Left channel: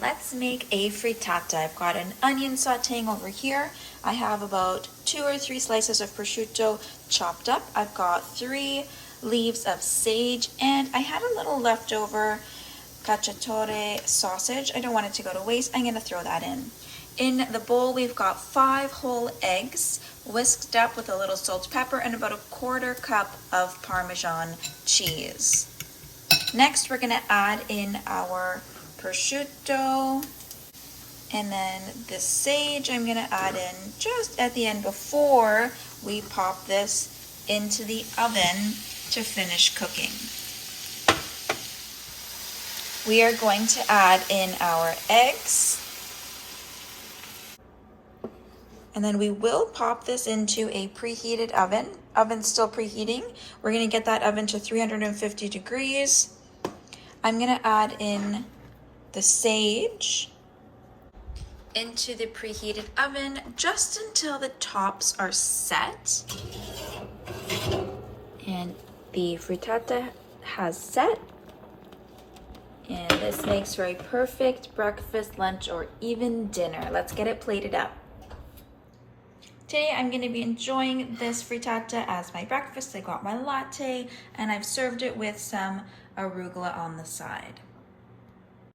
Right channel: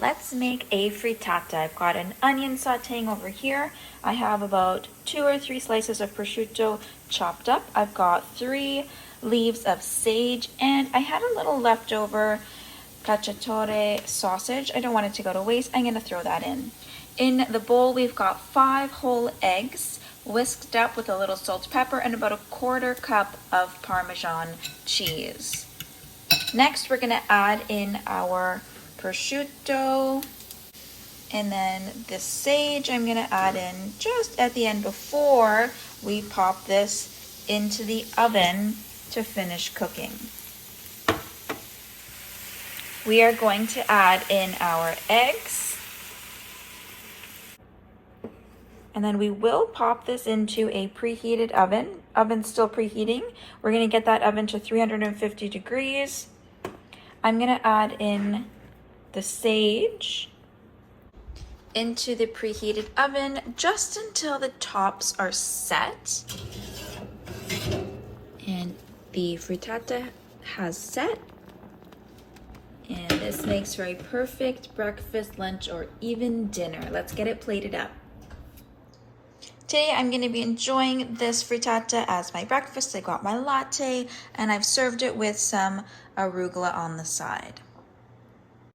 Let's make a frittata. I've got an onion sauteing over here. I have about 2 or 3 slices of prosciutto chopped up. I've got 3 leaves of sage, and I had a little leftover cacciatore sausage. I don't want it to go to waste. I'm gonna throw that in. In the bowl, we've got 5 whole eggs, whisked up with a little salt, pepper, and about 1/4 cup of Parmesan cheese. Next, we're gonna add in our prosciutto, and then the sage I'm gonna add in just at the end before we pop this into the oven to finish cooking. We are going to add in our eggs, and then we will pop this into a preheated oven. Oven's still preheating. We're gonna get that oven to 350 degrees. I'm gonna add in the sage into the preheated oven just until the tops are set. And the frittata has set. And this makes for a perfect breakfast, lunch, or even dinner. Let's get it plated up. Today I'm going to be enjoying this frittata as my breakfast. I got my latte and I've served it with some arugula on the side.